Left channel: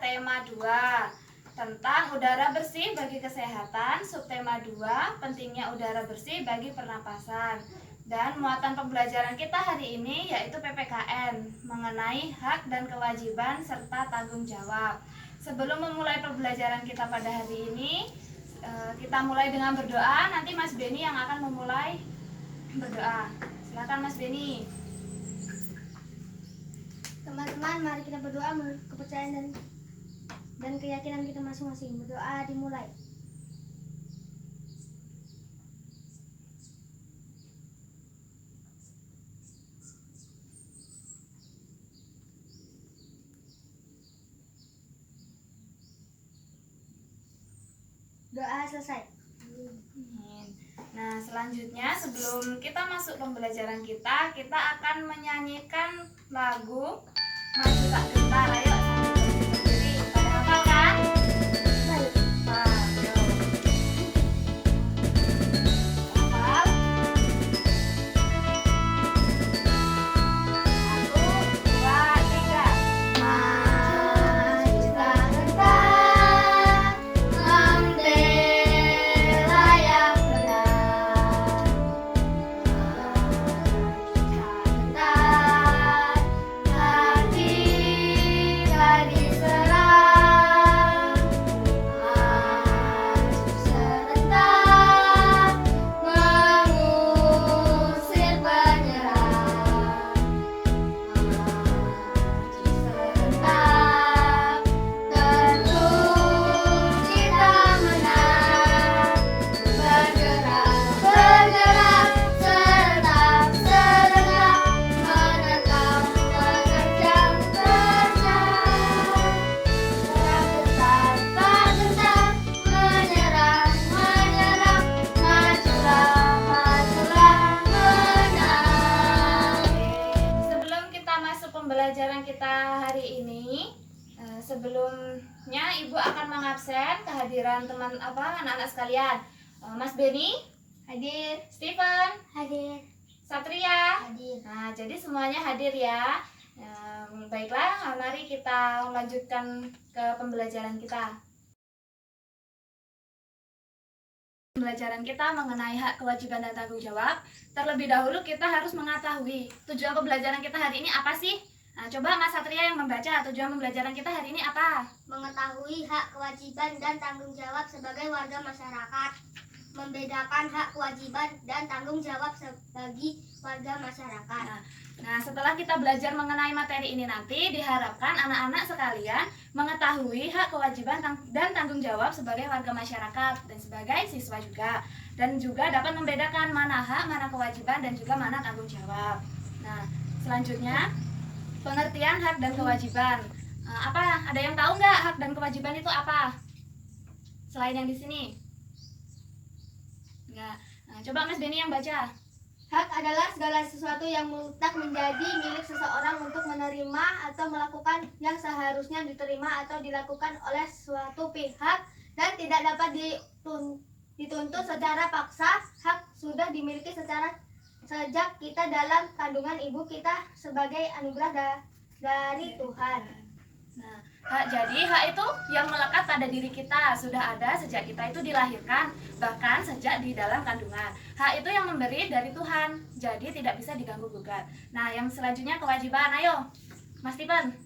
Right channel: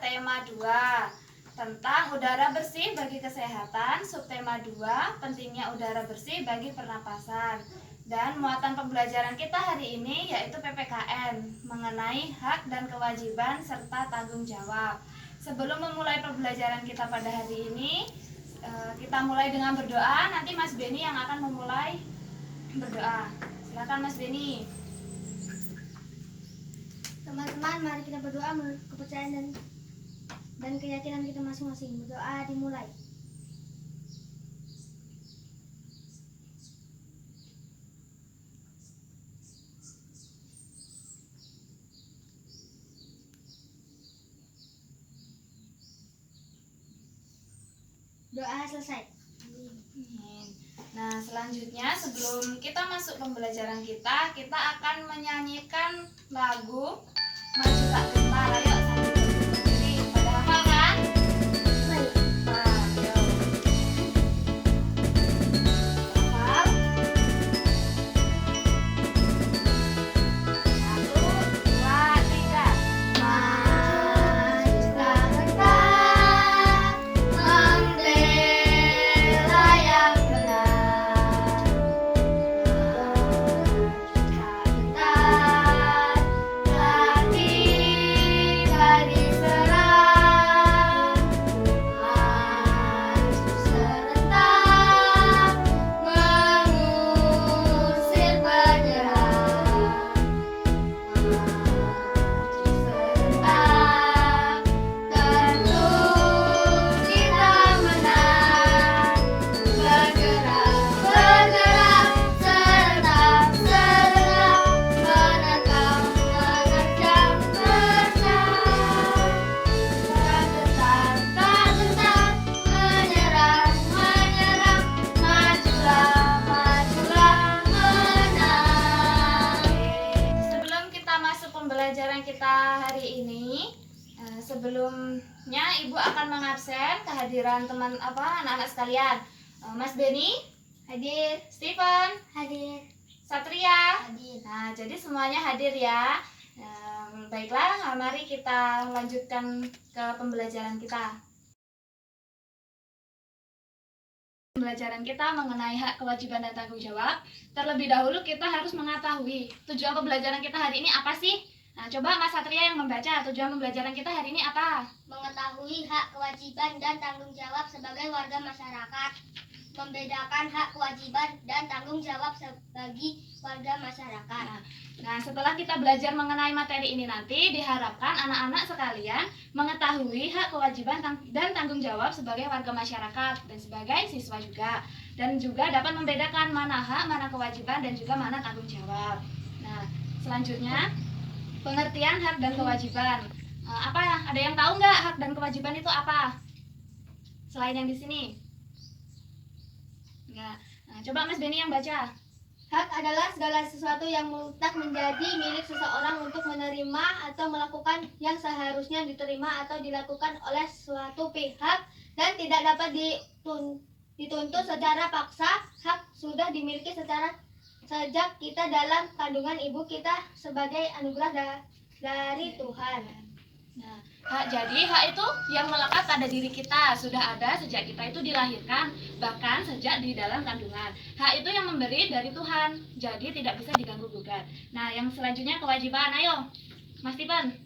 tema 2 tentang udara bersih bagi kesehatan, subtema 2 pentingnya udara bersih bagi pernapasan. Dan muatan pembelajaran kita hari ini yaitu PPKN mengenai hak dan kewajiban serta tanggung jawab. Sebelum memulai pembelajaran kita pada hari ini, kita mulai dengan berdoa. Nanti Mas Beni yang akan memulai berdoa. Silakan Mas Beni. Teman-teman, mari kita berdoa menurut kepercayaan dan keyakinan kita masing-masing. Berdoa dimulai. Doa selesai. Nah, selanjutnya sebelum kita masuk pembelajaran kita akan menyanyikan lagu Maju Tak Gentar. Ayo sendiri. Pada hafal kan? Baik. Nah, ayo. Hafal. 1, 2, 3. Maju tak gentar, membela yang benar. Maju tak gentar, bagi serang. Maju serentak, mengusir penyerang. Tentu kita menang. Bergerak, bergerak, serentak, serentak, merekam mengejar menang. Tak gentar, menyerang, menyerang, majulah, majulah, menang. Sebelum kita masuk pembelajaran kita hari ini, sebelumnya Ibu akan mengabsen kehadiran anak-anak sekalian. Mas Beni Hadir, Stephen, hadir, Satria. hadir. Nah, jadi semuanya hadir ya. Baiklah, mari kita lanjutkan ke pembelajaran kita. Pembelajaran kita mengenai hak, kewajiban, dan tanggung jawab. Terlebih dahulu kita harus mengetahui tujuan pembelajaran kita hari ini apa sih? Nah, coba Mas Satria yang membaca. Tujuan pembelajaran kita hari ini apa? Mengetahui hak, kewajiban, dan tanggung jawab sebagai warga masyarakat. Membedakan hak, kewajiban, dan tanggung jawab bagi warga masyarakat. Nah, setelah kita belajar mengenai materi ini nanti, diharapkan anak-anak sekalian mengetahui hak, kewajiban, dan tanggung jawab sebagai warga masyarakat dan sebagai siswa juga. Dan juga dapat membedakan mana hak, mana kewajiban, dan juga mana tanggung jawab. Nah, selanjutnya pengertian hak dan kewajiban. Apa? Ada yang tahu nggak hak dan kewajiban itu apa? Selain yang di sini? Enggak. Nah, coba Mas Beni yang baca. Hak adalah segala sesuatu yang mutlak menjadi milik seseorang untuk menerima atau melakukan yang seharusnya diterima atau dilakukan oleh suatu pihak dan tidak dapat dituntut secara paksa. Hak sudah dimiliki sejak kita dalam kandungan ibu kita sebagai anugerah dari Tuhan. Nah, jadi hak itu yang melekat pada diri kita, sudah ada sejak kita itu dilahirkan, bahkan sejak di dalam kandungan. Hak itu yang memberi dari Tuhan, jadi tidak bisa diganggu gugat. Nah, yang selanjutnya kewajiban. Ayo, Mas Stephen,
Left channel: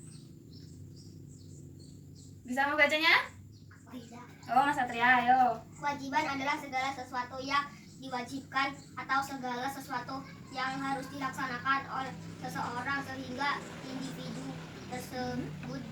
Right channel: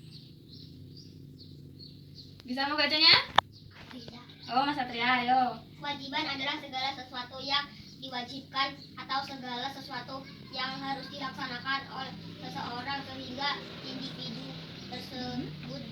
bisa membacanya? Tidak. Oh, Mas Satria, ayo. Kewajiban adalah segala sesuatu yang diwajibkan atau segala sesuatu yang harus dilaksanakan oleh seseorang sehingga individu tersebut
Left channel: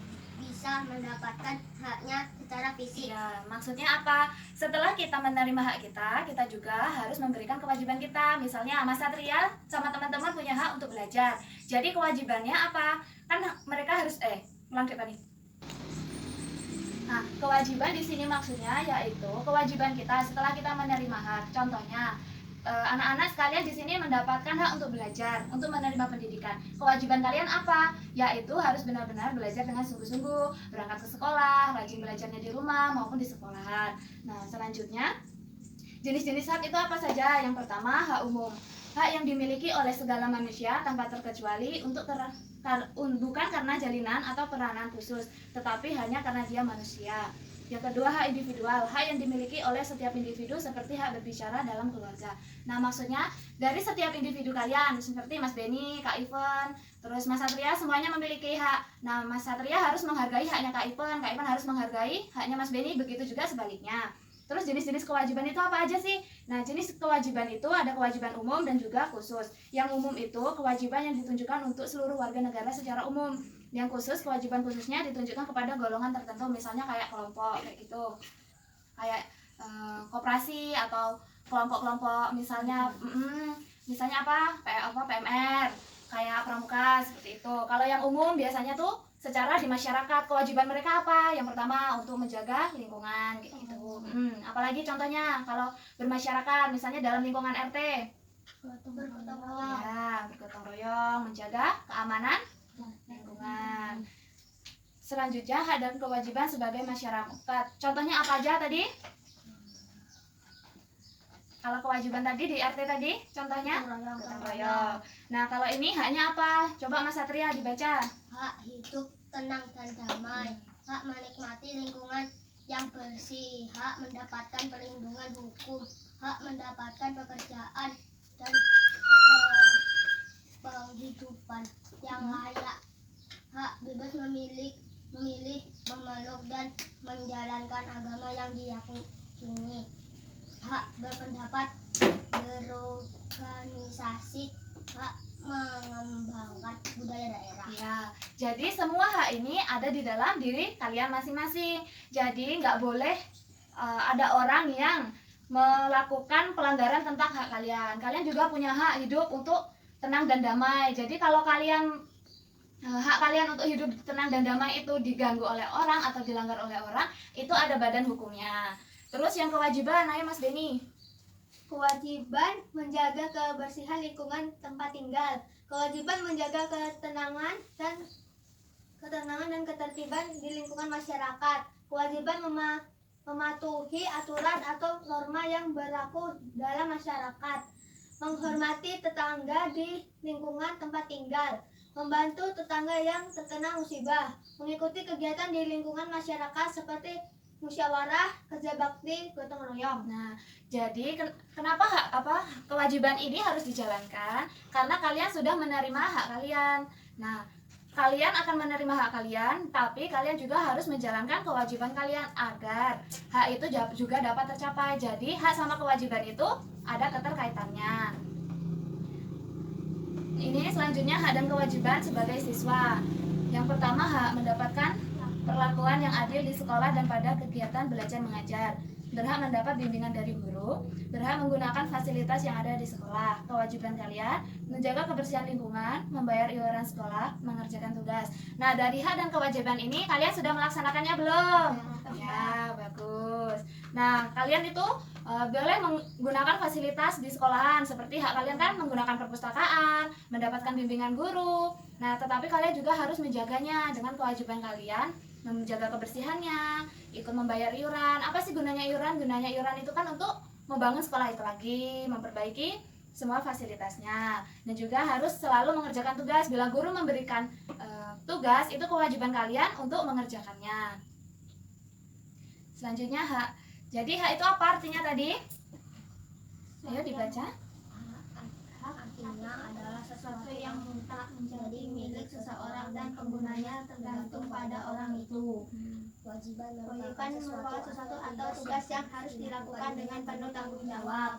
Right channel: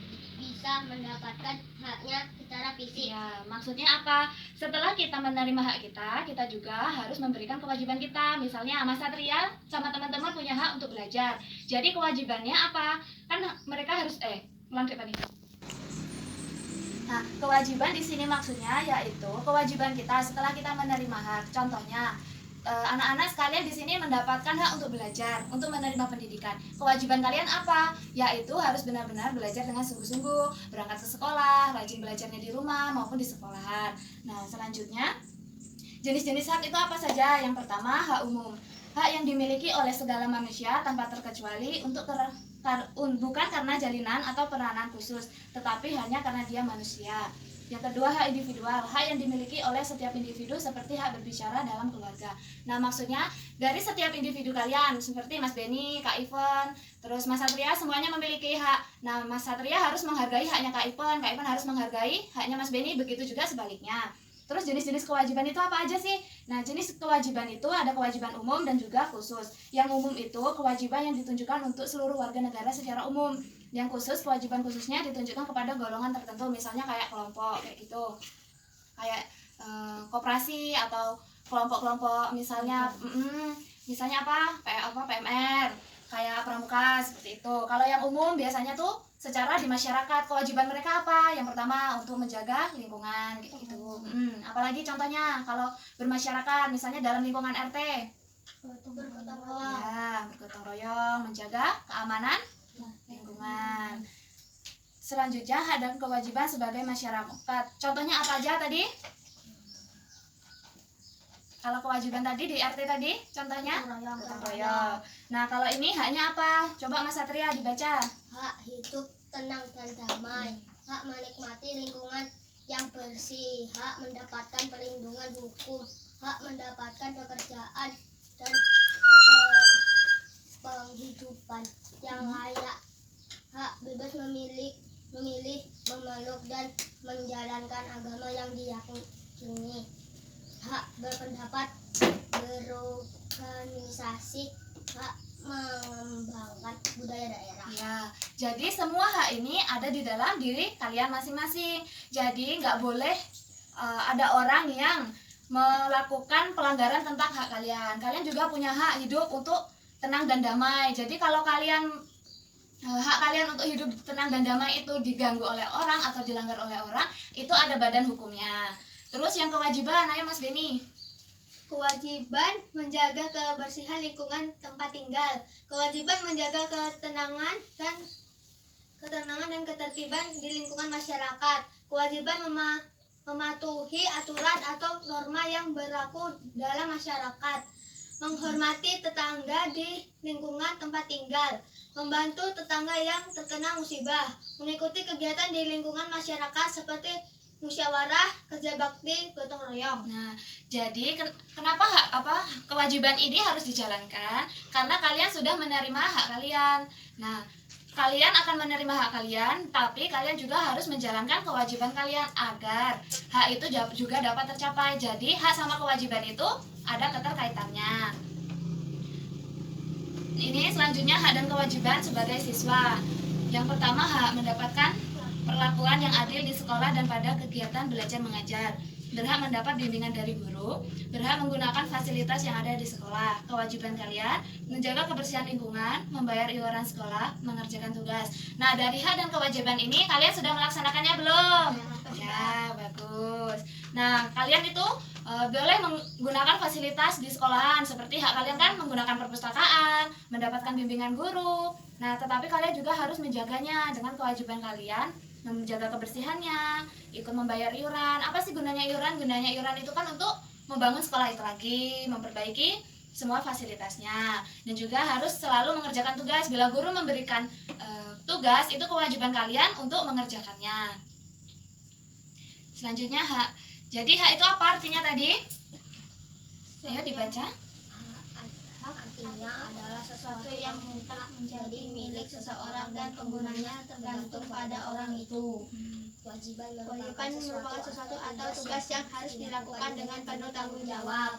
bisa mendapatkan haknya secara fisik. Ya, maksudnya apa? Setelah kita menerima hak kita juga harus memberikan kewajiban kita. Misalnya Mas Satria sama teman-teman punya hak untuk belajar. Jadi kewajibannya apa? Kan mereka harus ulang depan ini. Nah, kewajiban di sini maksudnya yaitu kewajiban kita setelah kita menerima hak. Contohnya, anak-anak sekalian di sini mendapatkan hak untuk belajar, untuk menerima pendidikan. Kewajiban kalian apa? Yaitu harus benar-benar belajar dengan sungguh-sungguh, berangkat ke sekolah, rajin belajarnya di rumah maupun di sekolahan. Nah, selanjutnya jenis-jenis hak itu apa saja? Yang pertama, hak umum. Hak yang dimiliki oleh segala manusia tanpa terkecuali untuk bukan karena jalinan atau peranan khusus, tetapi hanya karena dia manusia. Yang kedua, hak individual, hak yang dimiliki oleh setiap individu seperti hak berbicara dalam keluarga. Nah, maksudnya dari setiap individu kalian, seperti Mas Beni, Kak Ivan, terus Mas Satria, semuanya memiliki hak. Nah, Mas Satria harus menghargai haknya Kak Ivan harus menghargai haknya Mas Beni, begitu juga sebaliknya. Terus jenis-jenis kewajiban itu apa aja sih? Nah, jenis kewajiban itu ada kewajiban umum dan juga khusus. Yang umum itu kewajiban yang ditunjukkan untuk seluruh warga negara secara umum. Yang khusus, kewajiban khususnya ditunjukkan kepada golongan tertentu, misalnya kayak kelompok kayak gitu, kayak koperasi atau kelompok-kelompok, misalnya misalnya apa PMR, kayak pramuka seperti itu. Kalau yang umum biasanya tuh secara di masyarakat, kewajiban mereka apa? Yang pertama untuk menjaga lingkungan kayak gitu. Apalagi contohnya kalau bermasyarakat, misalnya dalam lingkungan RT, ya bergotong royong, menjaga keamanan lingkungan. Selanjutnya, hak dan kewajiban sebagai masyarakat. Contohnya apa aja tadi? Kalau kewajiban tadi di RT tadi, contohnya gotong royong. Nah, kalau ini haknya apa? Coba Mas Satria dibaca. Hak hidup tenang dan damai, hak menikmati lingkungan yang bersih, hak mendapatkan perlindungan hukum, hak mendapatkan pekerjaan dan penghidupan yang layak, hak bebas memilih, memeluk dan menjalankan agama yang diyakini, hak berpendapat, berorganisasi, hak mengembangkan budaya daerah. Ya, jadi semua hak ini ada di dalam diri kalian masing-masing. Jadi nggak boleh ada orang yang melakukan pelanggaran tentang hak kalian. Kalian juga punya hak hidup untuk tenang dan damai. Jadi kalau kalian hak kalian untuk hidup tenang dan damai itu diganggu oleh orang atau dilanggar oleh orang, itu ada badan hukumnya. Terus yang kewajiban, ayo Mas Beni. Kewajiban menjaga kebersihan lingkungan tempat tinggal. Kewajiban menjaga ketenangan dan ketertiban di lingkungan masyarakat. Kewajiban mematuhi aturan atau norma yang berlaku dalam masyarakat. Menghormati tetangga di lingkungan tempat tinggal. Membantu tetangga yang terkena musibah. Mengikuti kegiatan di lingkungan masyarakat seperti musyawarah, kerja bakti, gotong royong. Nah, jadi kenapa kewajiban ini harus dijalankan? Karena kalian sudah menerima hak kalian. Nah, kalian akan menerima hak kalian, tapi kalian juga harus menjalankan kewajiban kalian agar hak itu juga dapat tercapai. Jadi, hak sama kewajiban itu ada keterkaitannya. Ini selanjutnya hak dan kewajiban sebagai siswa. Yang pertama, hak mendapatkan perlakuan yang adil di sekolah dan pada kegiatan belajar mengajar. Berhak mendapat bimbingan dari guru, berhak menggunakan fasilitas yang ada di sekolah. Kewajiban kalian menjaga kebersihan lingkungan, membayar iuran sekolah, mengerjakan tugas. Nah, dari hak dan kewajiban ini kalian sudah melaksanakannya belum? Ya, bagus. Nah, kalian itu boleh menggunakan fasilitas di sekolahan, seperti hak kalian kan menggunakan perpustakaan, mendapatkan bimbingan guru. Nah, tetapi kalian juga harus menjaganya dengan kewajiban kalian, menjaga kebersihannya, ikut membayar iuran. Apa sih gunanya iuran? Gunanya iuran itu kan untuk membangun sekolah itu lagi, memperbaiki semua fasilitasnya, dan juga harus selalu mengerjakan tugas. Bila guru memberikan tugas, itu kewajiban kalian untuk mengerjakannya. Selanjutnya hak. Jadi hak itu apa artinya tadi? Ayo dibaca. Artinya adalah sesuatu yang mutlak menjadi milik seseorang dan penggunanya tergantung pada orang itu. Kewajiban merupakan sesuatu atau tugas yang harus dilakukan dengan penuh tanggung jawab.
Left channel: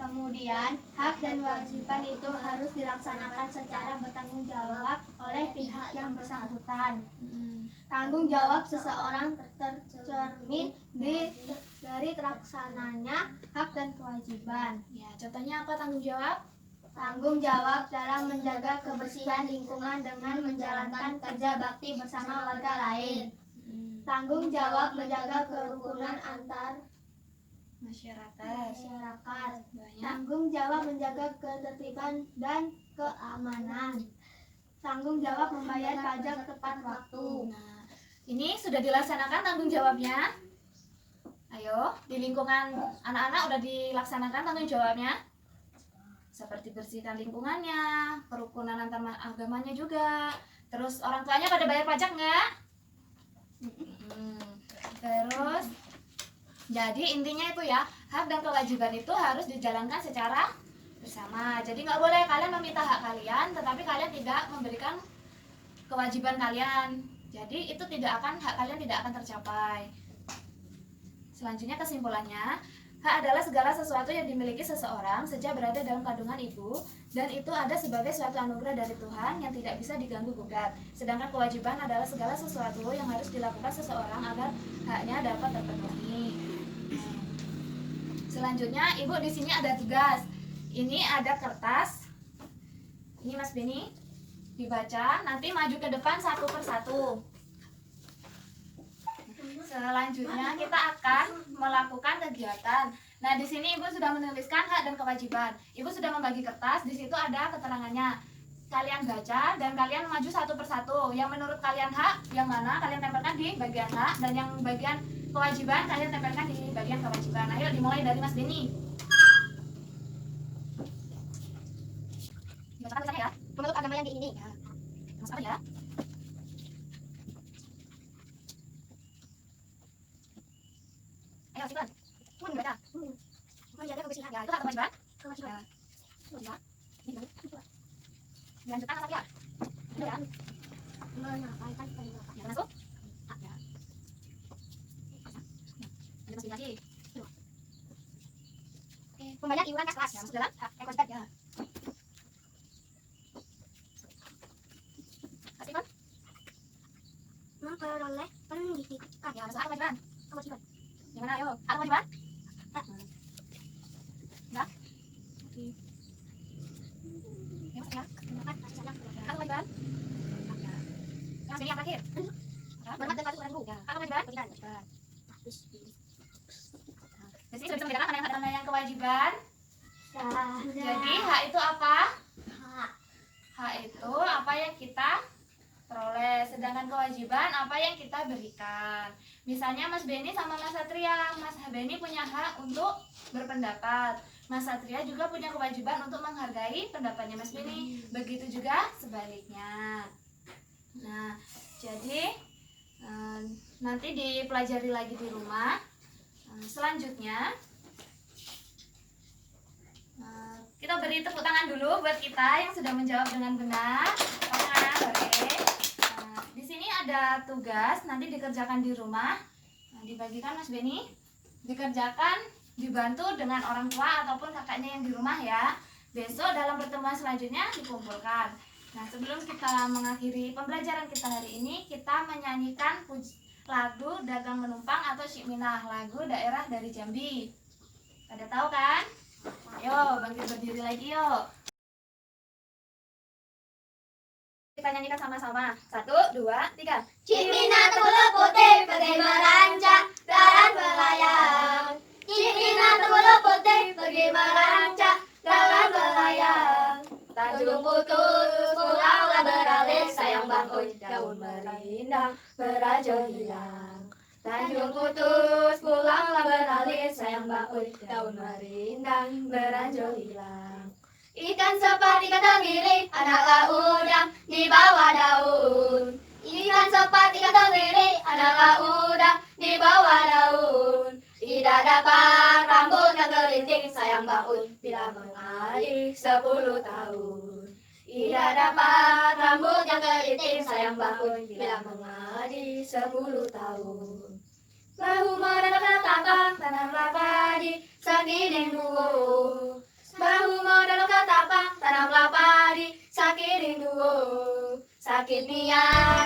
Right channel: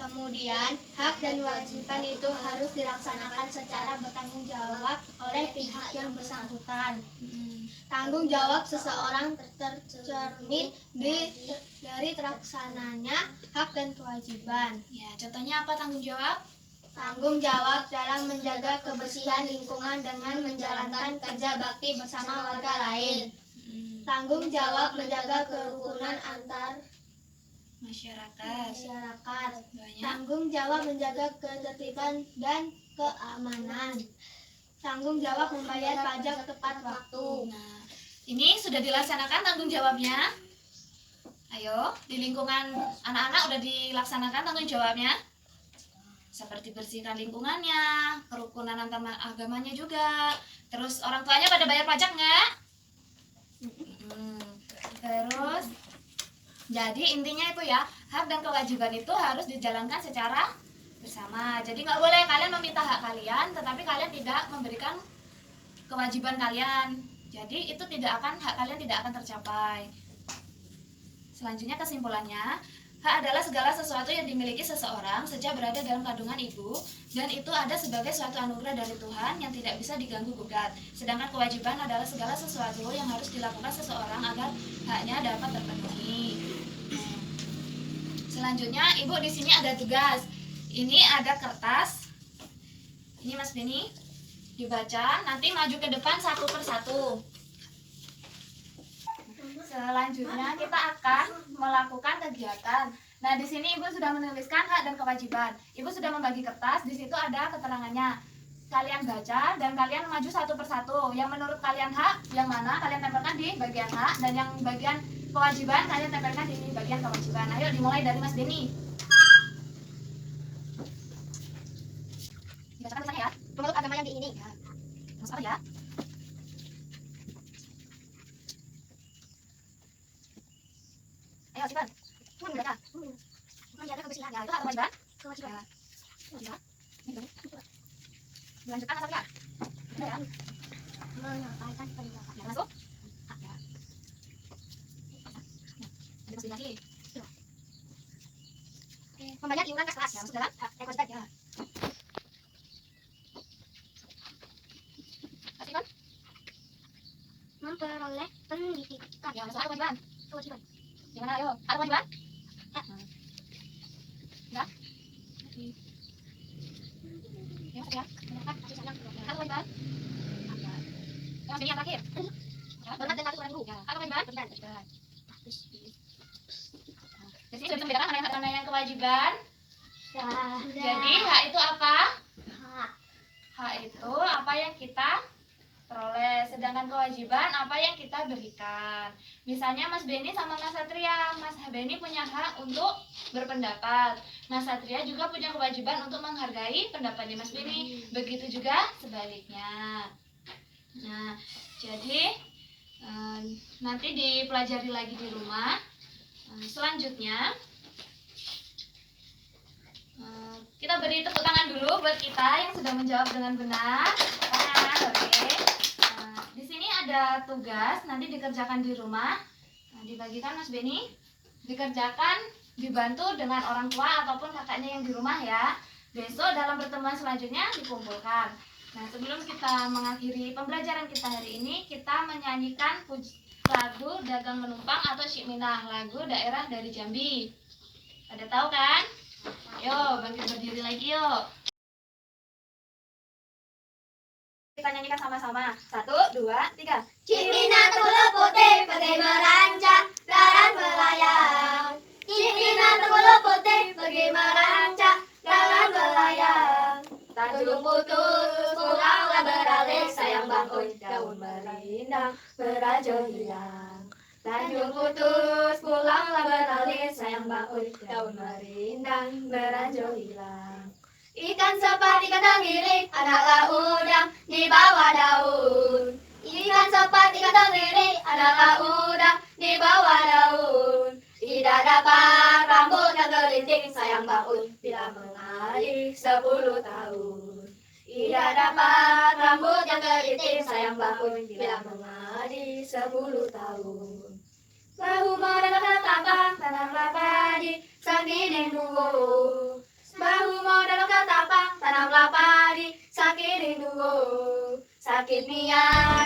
Kemudian, hak dan kewajiban itu harus dilaksanakan secara bertanggung jawab oleh pihak yang bersangkutan. Tanggung jawab seseorang tercermin dari terlaksananya hak dan kewajiban. Ya, contohnya apa tanggung jawab? Tanggung jawab dalam menjaga kebersihan lingkungan dengan menjalankan kerja bakti bersama warga lain. Tanggung jawab menjaga kerukunan antar Masyarakat. Banyak. Tanggung jawab menjaga ketertiban dan keamanan. Tanggung jawab membayar pajak tepat waktu. Nah, ini sudah dilaksanakan tanggung jawabnya? Ayo, di lingkungan anak-anak udah dilaksanakan tanggung jawabnya? seperti bersihkan lingkungannya, kerukunan antar agamanya juga. Terus orang tuanya pada bayar pajak nggak? Terus jadi intinya itu ya, hak dan kewajiban itu harus dijalankan secara bersama. Jadi nggak boleh kalian meminta hak kalian, tetapi kalian tidak memberikan kewajiban kalian. Jadi itu hak kalian tidak akan tercapai. Selanjutnya kesimpulannya, hak adalah segala sesuatu yang dimiliki seseorang sejak berada dalam kandungan ibu, dan itu ada sebagai suatu anugerah dari Tuhan yang tidak bisa diganggu gugat. Sedangkan kewajiban adalah segala sesuatu yang harus dilakukan seseorang agar haknya dapat terpenuhi. Selanjutnya, ibu di sini ada tugas. Ini ada kertas. Ini Mas Beni, dibaca. Nanti maju ke depan satu persatu. Selanjutnya kita akan melakukan kegiatan. Nah, di sini Ibu sudah menuliskan hak dan kewajiban. Ibu sudah membagi kertas, di situ ada keterangannya. Kalian baca dan kalian maju satu persatu. Yang menurut kalian hak, yang mana kalian tempelkan di bagian hak, dan yang bagian kewajiban kalian tempelkan di bagian kewajiban. Ayo dimulai dari Mas Beni. Dibacakan tulisannya ya. Menurut agama yang diingini. Mas apa ya? Ayo silakan. Baca. Menjaga kebersihan. Ya, itu hak kewajiban. Kewajiban. Ya. Kewajiban. Ini dilanjutkan Mas Afia. Ya. Menyampaikan pendapat. Ya, masuk. Hak ya. Ada Mas Beni lagi. Membayar iuran kas kelas. Ya, masuk dalam hak Kewajiban. ya. Kasih kan? Memperoleh pendidikan. Ya, masuk hak kewajiban. Kewajiban. Gimana ayo? Hak kewajiban? Enggak? Ya, masuk ya. Hak kewajiban? Ya, Mas Beni yang terakhir. Hormat dan patuh orang Ya, hak kewajiban? Kewajiban. Di sini sudah bisa membedakan mana yang hak dan mana yang kewajiban. Sudah. Jadi hak itu apa? Hak. Hak itu apa yang kita peroleh, sedangkan kewajiban apa yang kita berikan. Misalnya Mas Beni sama Mas Satria, Mas Beni punya hak untuk berpendapat, Mas Satria juga punya kewajiban untuk menghargai pendapatnya Mas Beni. Begitu juga sebaliknya. Nah, jadi nanti dipelajari lagi di rumah. Selanjutnya kita beri tepuk tangan dulu buat kita yang sudah menjawab dengan benar. Tangan, oke. Di sini ada tugas, nanti dikerjakan di rumah. Dibagikan Mas Beni, dikerjakan dibantu dengan orang tua ataupun kakaknya yang di rumah ya. Besok dalam pertemuan selanjutnya dikumpulkan. Nah, sebelum kita mengakhiri pembelajaran kita hari ini, kita menyanyikan lagu Dagang Menumpang atau Syik Minah, lagu daerah dari Jambi. Pada tahu kan? Ayo, bangkit berdiri lagi yuk. Kita nyanyikan sama-sama. 1, 2, 3. Syik Minah kulit putih pergi merancang jalan melayang. Syik Minah kulit putih pergi merancang jalan melayang. Tanjung putus pulanglah beralih sayang bangun daun merindang berajo hilang. Tanjung putus pulanglah beralih sayang bangun daun merindang berajo hilang. Ikan sepat ikan tenggiri adalah udang di bawah daun. Ikan sepat ikan tenggiri adalah udang di bawah daun. Tidak dapat rambut yang keriting sayang bangun bila mengalir 10 tahun. Tidak dapat rambut yang keriting sayang bangun bila mengalir 10 tahun. Bahu modal ketapang tanamlah padi sakiring duo. Bahu modal ketapang tanamlah padi sakiring duo. Sakit niat